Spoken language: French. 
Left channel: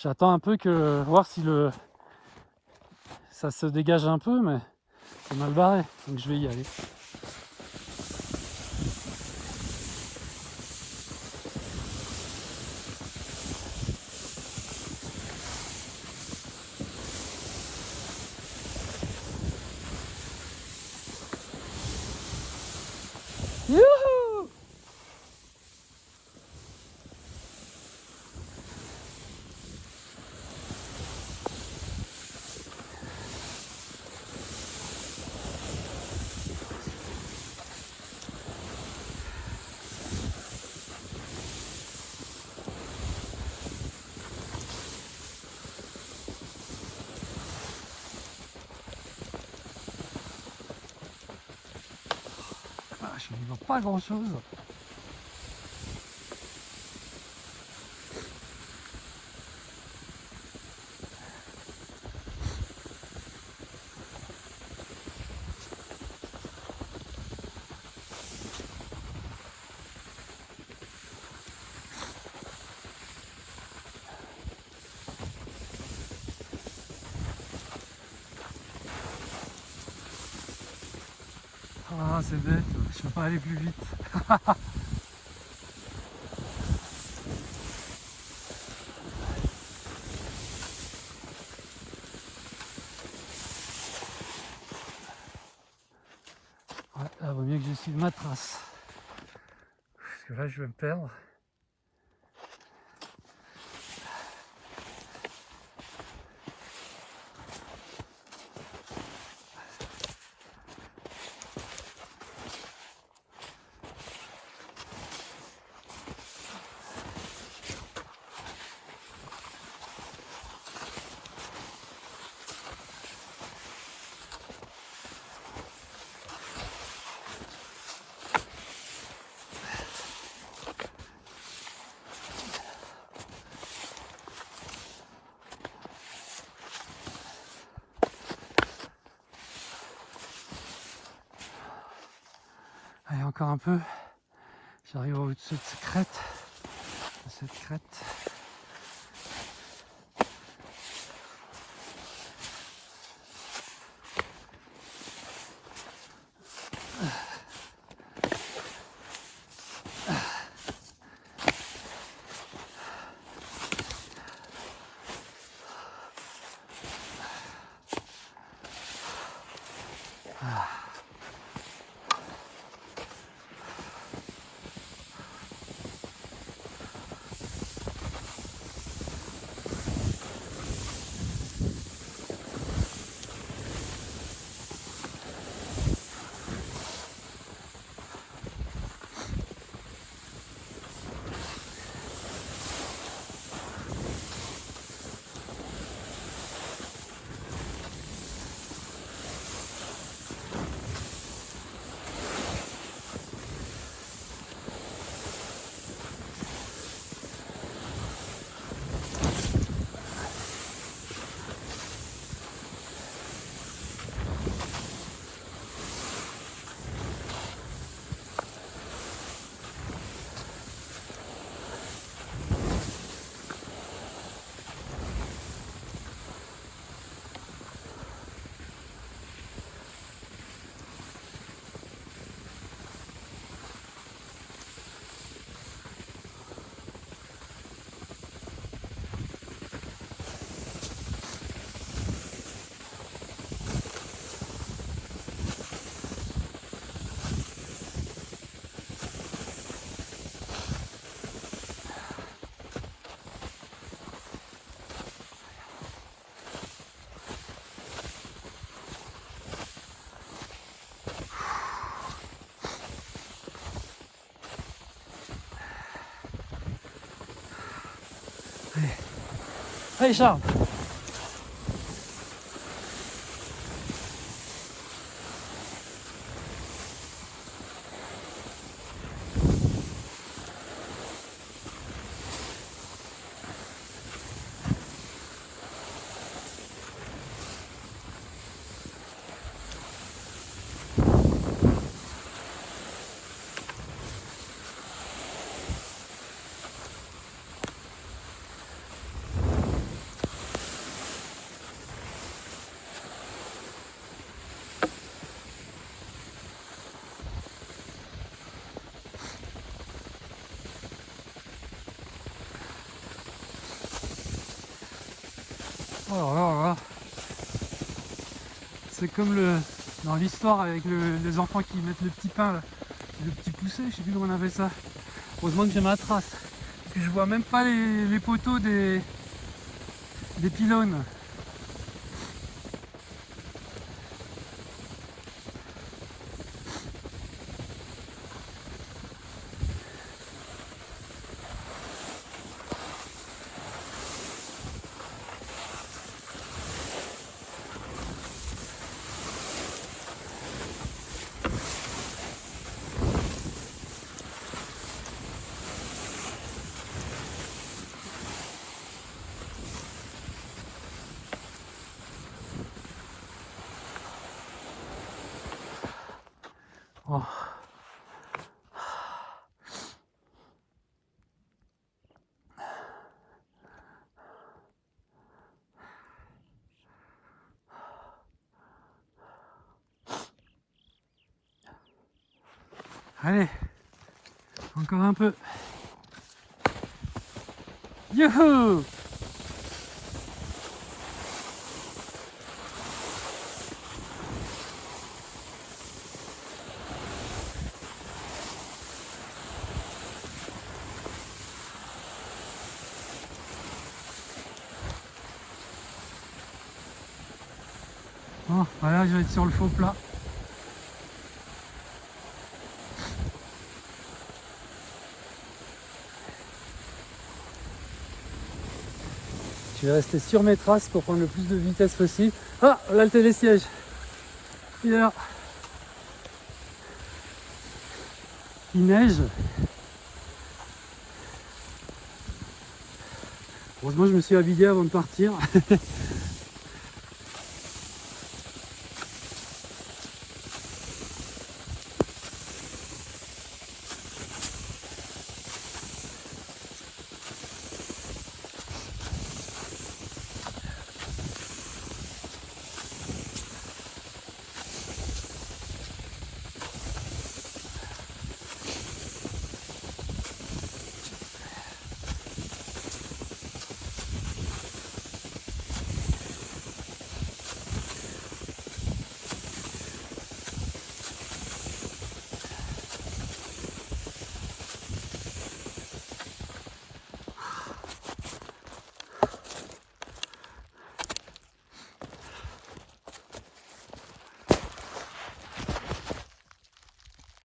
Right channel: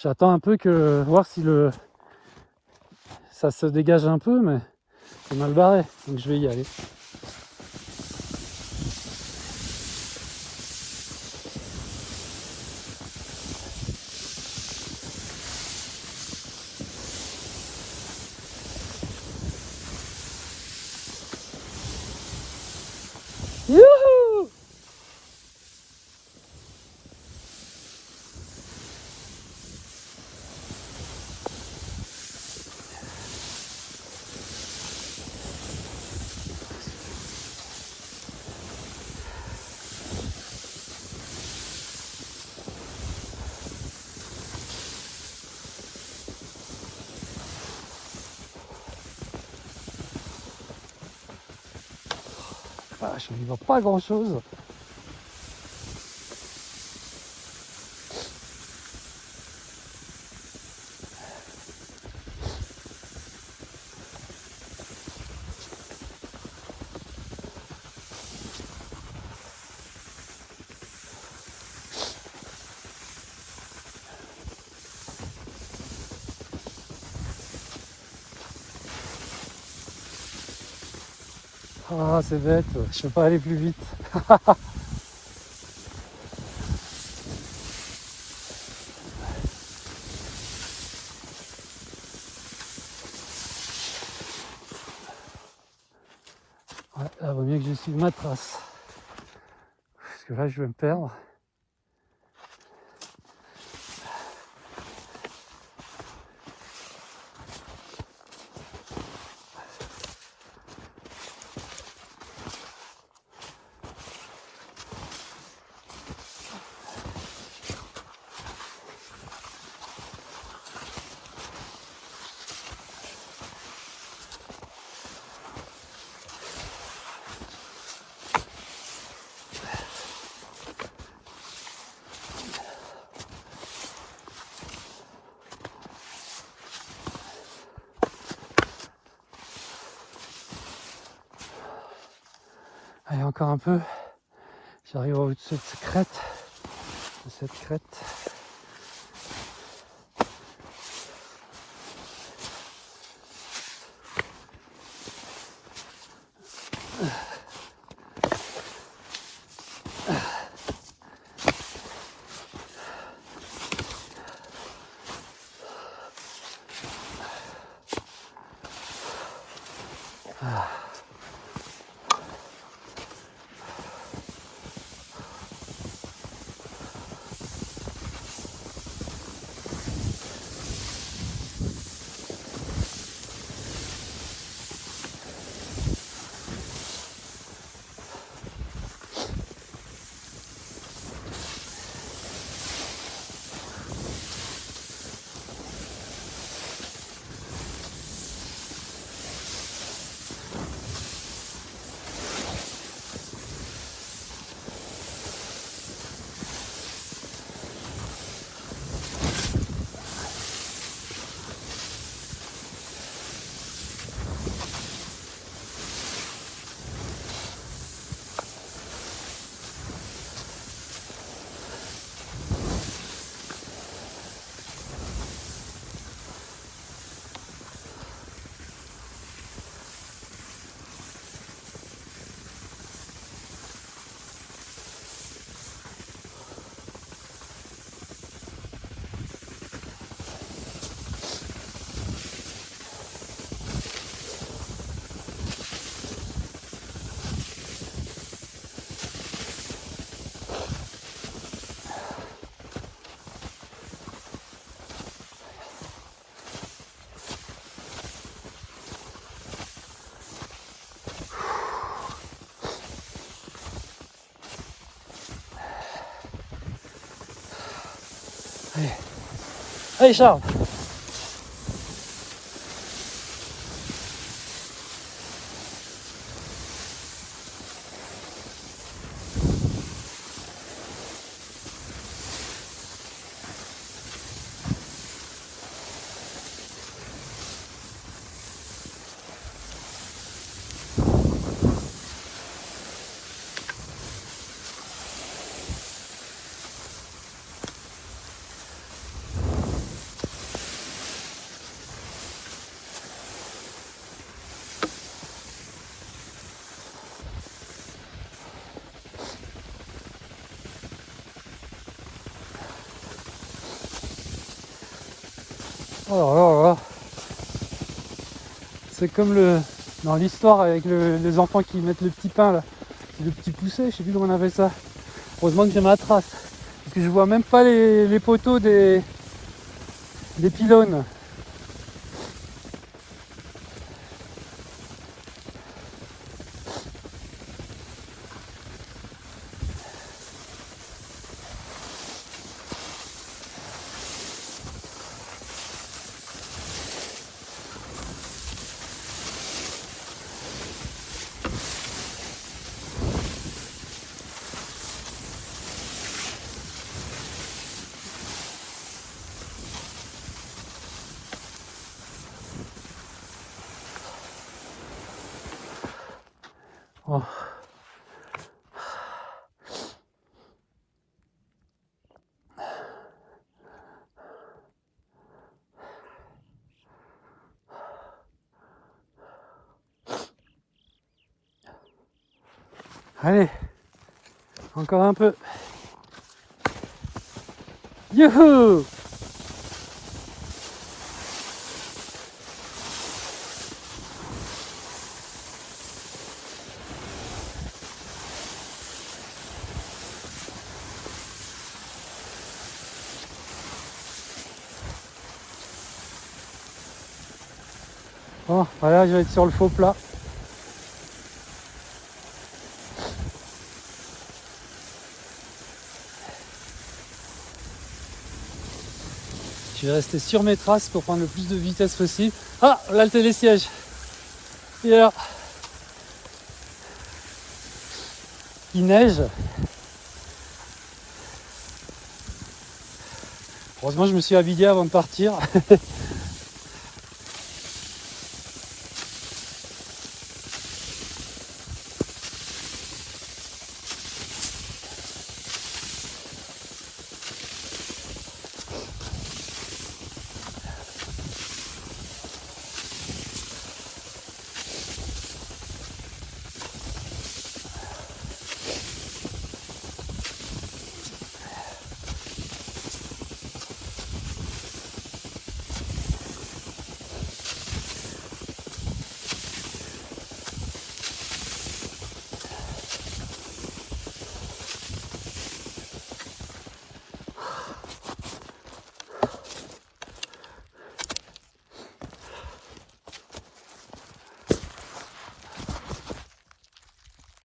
J'attends un peu que voir si ça se dégage un peu, mais c'est mal barré, donc je vais y aller. Youhou! Ah, je n'y vois pas grand chose. Ah, c'est bête, je peux pas aller plus vite. Ouais, il vaut mieux que je suive ma trace. Parce que là, je vais me perdre. Allez, encore un peu. J'arrive au-dessus de cette crête. Allez, allez Charles. Oh là là là là. C'est comme dans l'histoire avec les enfants qui mettent le petit pain là, le petit poussé, je sais plus comment on appelle ça. Heureusement que j'ai ma trace, parce que je vois même pas les poteaux des pylônes. Oh. Allez, encore un peu. Youhou! Bon, voilà, je vais être sur le faux plat. Je vais rester sur mes traces pour prendre le plus de vitesse possible. Ah, là le télésiège. Et alors, il neige. Heureusement, je me suis habillé avant de partir.